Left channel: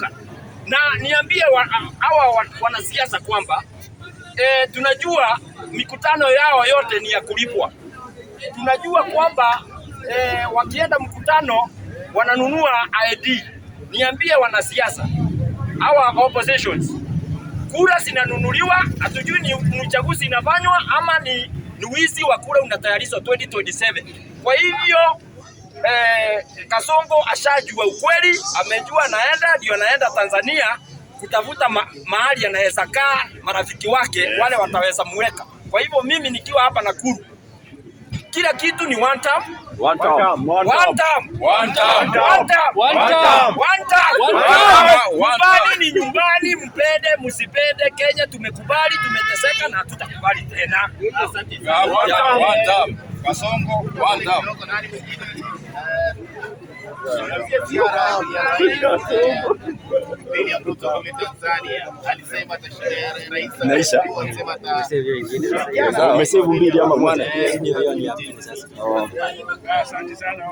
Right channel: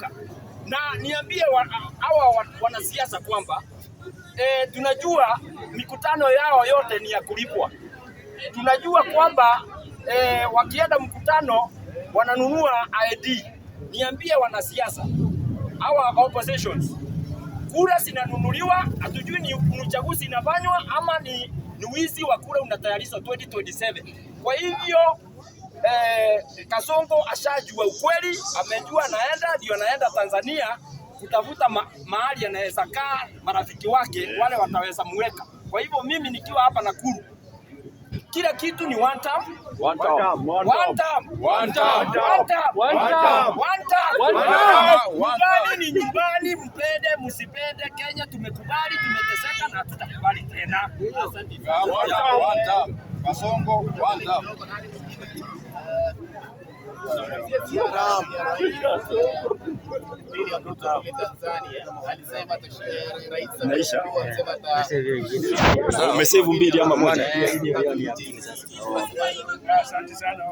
kuinuka. Na niambie hawa wanasiasa kwamba tunajua mikutano yao yote ni ya kulipwa. Tunajua kwamba wakienda mkutano wananunua ID. Niambie wanasiasa hawa oppositions, kura zinanunuliwa, hatujui ni uchaguzi inafanywa ama ni wizi wa kura unatayarishwa 2027. Kwa hivyo Kasongo ashajua ukweli, amejua ndio anaenda Tanzania kutafuta mahali anaweza kaa marafiki wake wale wataweza muweka. Kwa hivyo mimi nikiwa hapa Nakuru, kila kitu ni one term. Nyumbani ni nyumbani, mpende msipende, Kenya tumekubali, tumeteseka na hatutakubali tena. Asante. One term. Kasongo one term. Naisha. Umesevu mbili ama mwana? Asante sana.